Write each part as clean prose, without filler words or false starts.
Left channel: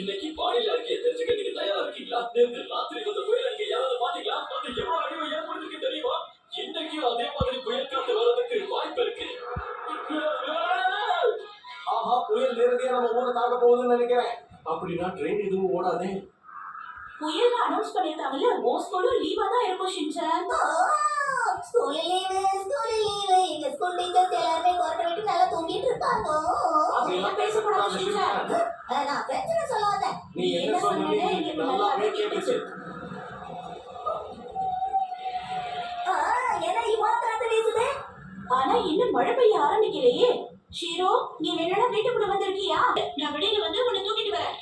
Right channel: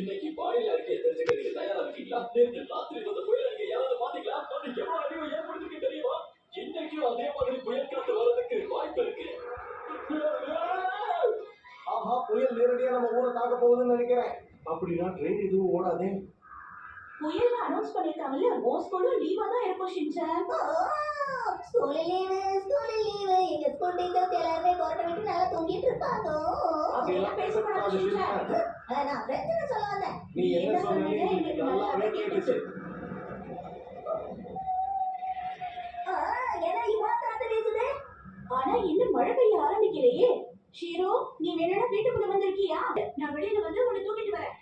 இன்னைக்கு வானிலை அறிக்கையை தெரிஞ்சுக்க நீங்க தயாரா இருக்கீங்களா? நேற்று ராத்திரி வந்த புயல் அங்க யாராவது பாத்தீங்களா? அது எவ்வளவு அழிவை ஏற்படுத்திருக்கு தெரியுமா? இன்னைக்கும் அதே மாதிரி புயல் காத்து வர்றதுக்கு வாய்ப்பு இருக்கு. ஆஹா, புயல் நேரடியா நம்ம ஊரை தாக்க போகுதுன்னு நினைக்கிறேன். அப்படின்னா ட்ரெயின் எதுவும் ஓடாதே. புயல் அனௌன்ஸ் பண்ணிருக்காங்கல்ல, உன் ஸ்கூலும் லீவா தான் இருக்கும் ஷின்சான். ஸ்கூல் லீவு எங்க ஸ்கூல் டீச்சர்ஸ் எல்லாருமே கொரட்டை விட்டு நல்லா தூங்கிட்டு இருப்பாங்க. அப்படியெல்லாம் பேசக்கூடாது ஷின்சான். நான் பிரச்சனை சொல்ல வந்தேன். நீ என்ன சொன்னே எனக்கு நல்லாவே கேட்டுச்சு. ஏன்னா இவ்வளவு காத்து வீசுது. ஆனா இன்னும் மழை பெய்ய ஆரம்பிக்கலையே. ஷீரோ, நீ வேணா வீட்டுக்குள்ள வந்திருக்கியா? நான் வெளியில வந்து உன்னை தூக்கிட்டு வரேன்.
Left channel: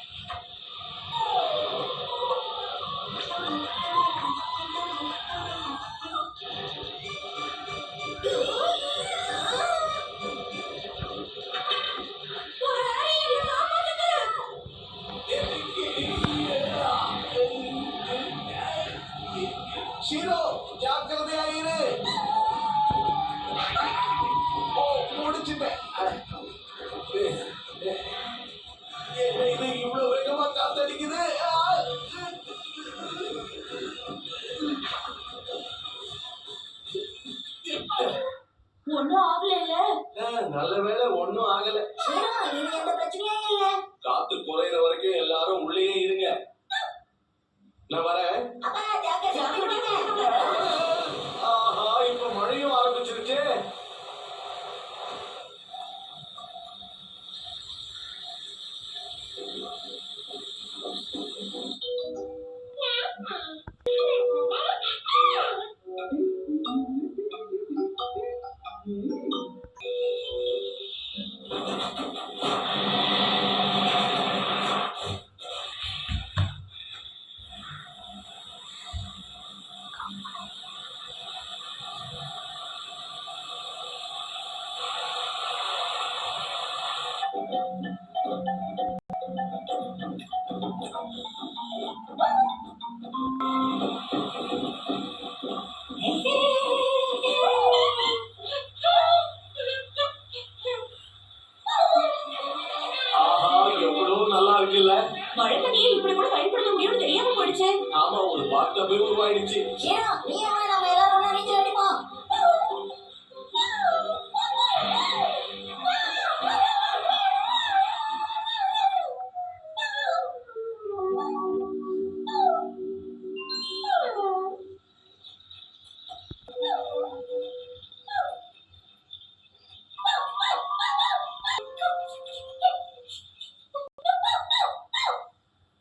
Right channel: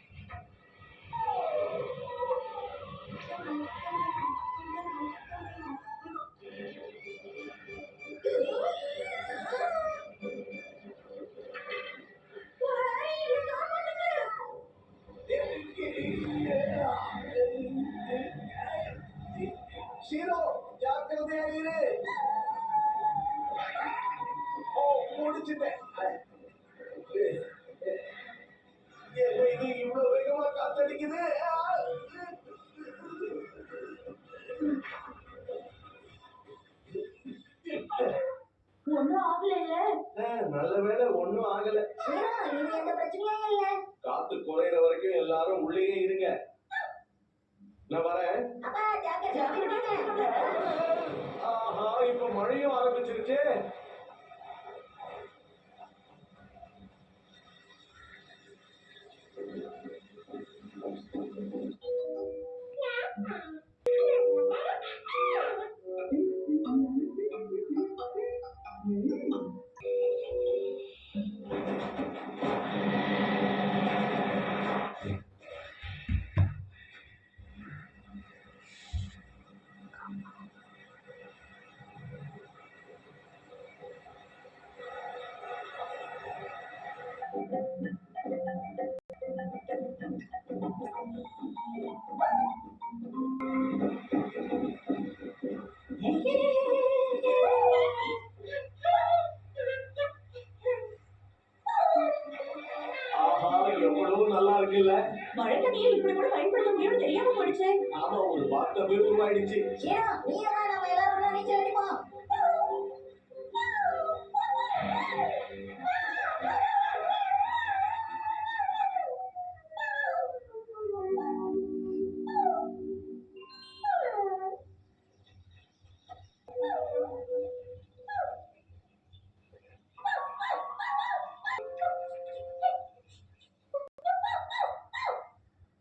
ஷீரோ, ஜாக்கிரதையா இரு. ஓ, முடிச்சிட்டேன். என்ன இது இவ்வளவு வேகமா காத்தடிக்குது? ஒன்னும் ஆகல. நல்ல வேளை ஒன்னும் ஆகல. இது எந்த பிரச்சனையும் இல்ல. காத்து குறையிற வரைக்கும் எல்லாரும் உள்ளேயே இருங்க. நான் வரேன். அப்பா ஜாக்கிரதை. ஆஹா, இப்ப மழையும் ஆரம்பிச்சிருச்சு. நல்லா இருக்குல்ல? மழை தண்ணியை இப்படி கூட பயன்படுத்த முடியும்னு தெரியாம போயிடுச்சு. ஆமா, ஒரு பாத்டப் உருவாயிடுச்சு. நீ நம்ம எல்லாரும் நீச்சல் அடிப்போம்.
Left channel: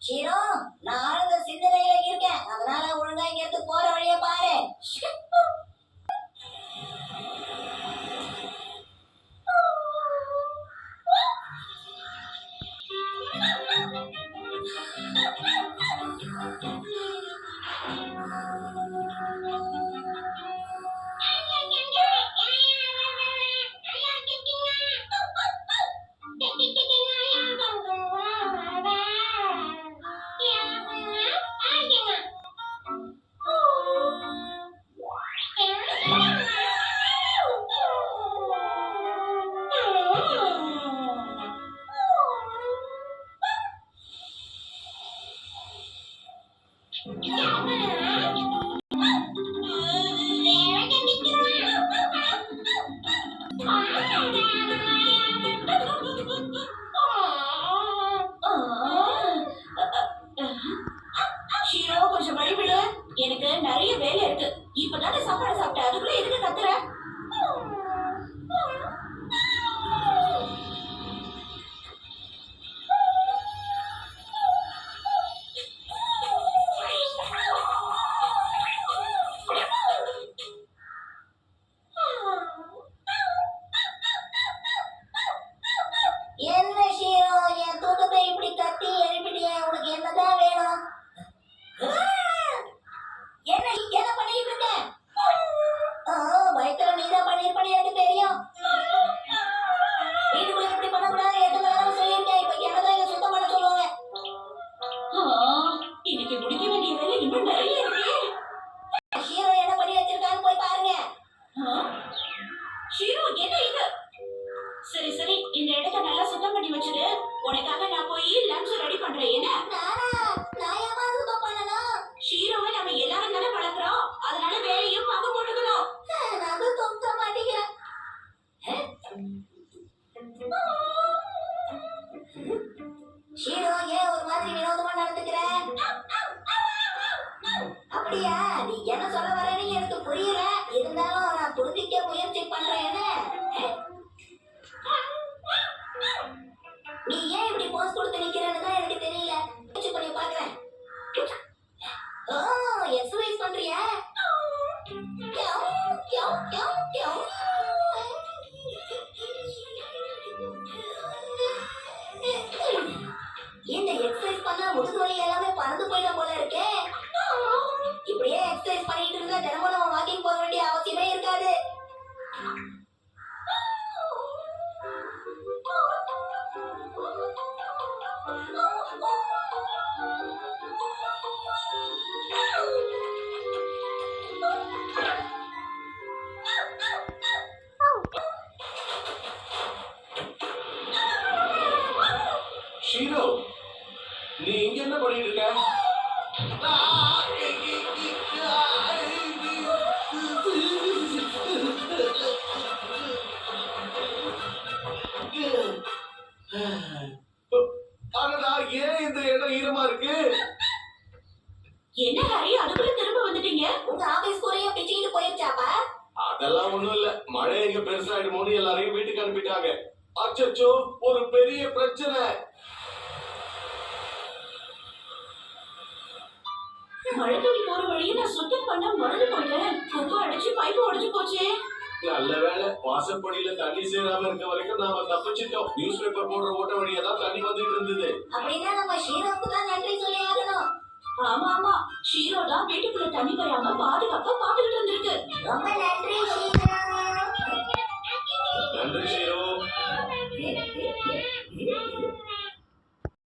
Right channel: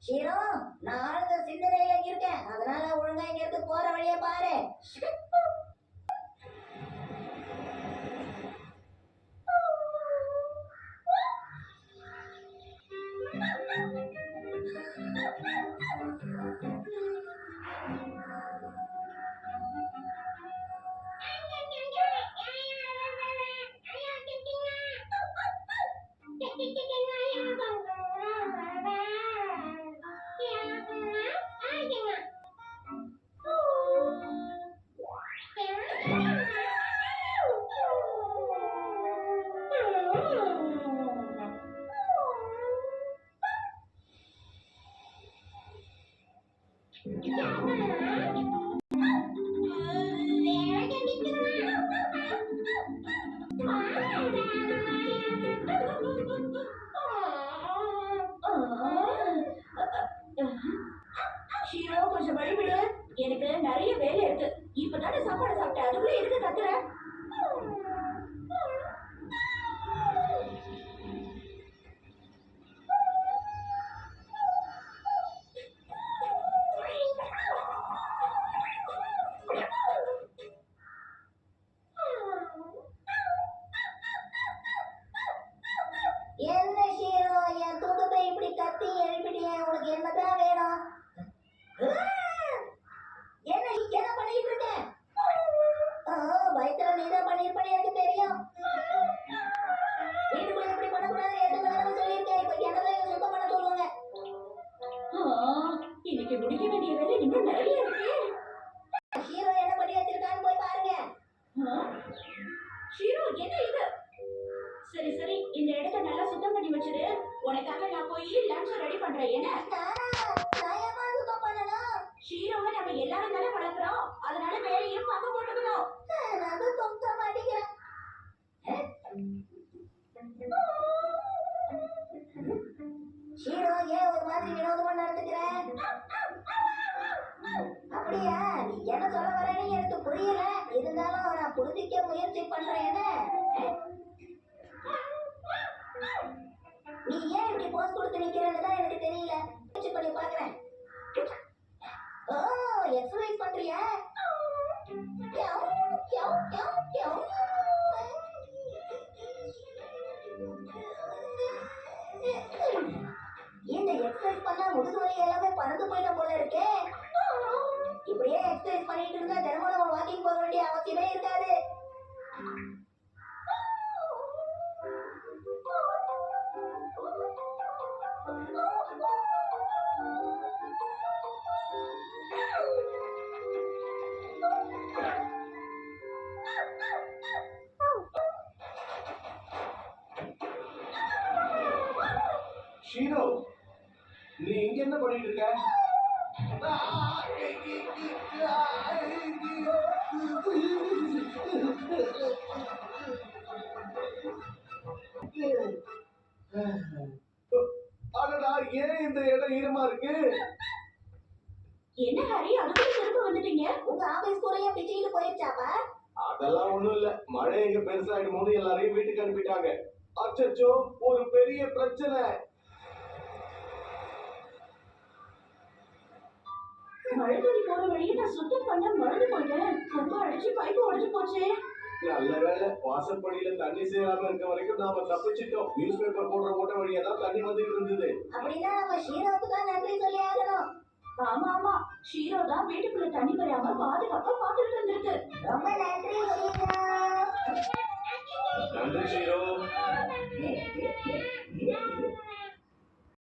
ஷீரோ, நான் ஆனந்த சிந்தனையில இருக்கேன். அதனால ஒழுங்கா இங்க இருந்து போற வழியை பாரு. ஷீரோ, கொஞ்சம் வழிவிடு. எனக்கு நிறைய வேலை இருக்கு. இப்பதானே சாப்பாடு சாப்பிட்டேன், அதுக்குள்ள எதுக்கு கத்துற? ஷீரோ ஏன் ஒரு மாதிரி வினோதமா நடந்துக்கிற? அப்படியா? நீ என்ன சொல்ல வரேன்னு எனக்கு புரியல. இருந்தாலும் நான் புரிஞ்சிக்க முயற்சி பண்றேன். நீ ஏன் இப்படி போஸ் கொடுத்து நிக்கிறேன்னு தான் எனக்கு தெரியல. முயற்சி பண்ணி பாக்குறேன். ஓ, எக்ஸர்சைஸ் பண்றியா? இந்த எக்ஸர்சைஸ் பண்ணா முதுகு வலி எல்லாமே பறந்து போயிடும் போல இருக்கே. இப்படியே எக்ஸர்சைஸ் பண்ணிட்டு இருந்தா தினமும் நம்ம வாக்கிங் போக வேண்டிய அவசியமே இருக்காது. ஷீரோ, நீ இங்க என்ன பண்ணிட்டு இருக்க? அடடா, ஏன் இந்த இடம் ஈரமா இருக்கு? என்ன ஹரி, அதுக்குள்ள திரும்ப வந்துட்டீங்க? உங்க ஆபீஸ் கூரையே பிச்சுக்கிட்டு போயிருச்சாப்பா? அதெல்லாம் ஒண்ணும் இல்ல. மழை எங்க பெருசாயிடுமோன்னு எல்லாரையும் வீட்டுக்கு அனுப்பிட்டாங்க. அச்சச்சோ, ஒரு பெரிய பிரச்சனை. மழை தண்ணி போற வழியை நான் சுத்தம் பண்ண மறந்து போயிட்டேன். குப்பை அடிச்சு பைப்பு உடைஞ்சு போச்சே. நல்ல வேளை, வாசப்படியில தண்ணி சேராம இருக்க வரைக்கும் நாம தப்பிச்சிட்டோம். நியூஸ் பேப்பர் போடுற ஓட்ட வழியா தான் தண்ணி வந்துட்டு இருந்தது. அப்படின்னா நம்ம ஷீரோக்கு தான் நன்றி சொல்லி ஆகணும். ஆமா ஆமா, ஷீரோ தான் வீட்டுக்குள்ள தண்ணி வராம பாதுகாப்பா பாத்துக்கிட்டு இருந்திருக்கு. ரொம்ப நன்றி ஷீரோ. நன்றி ஷீரோ.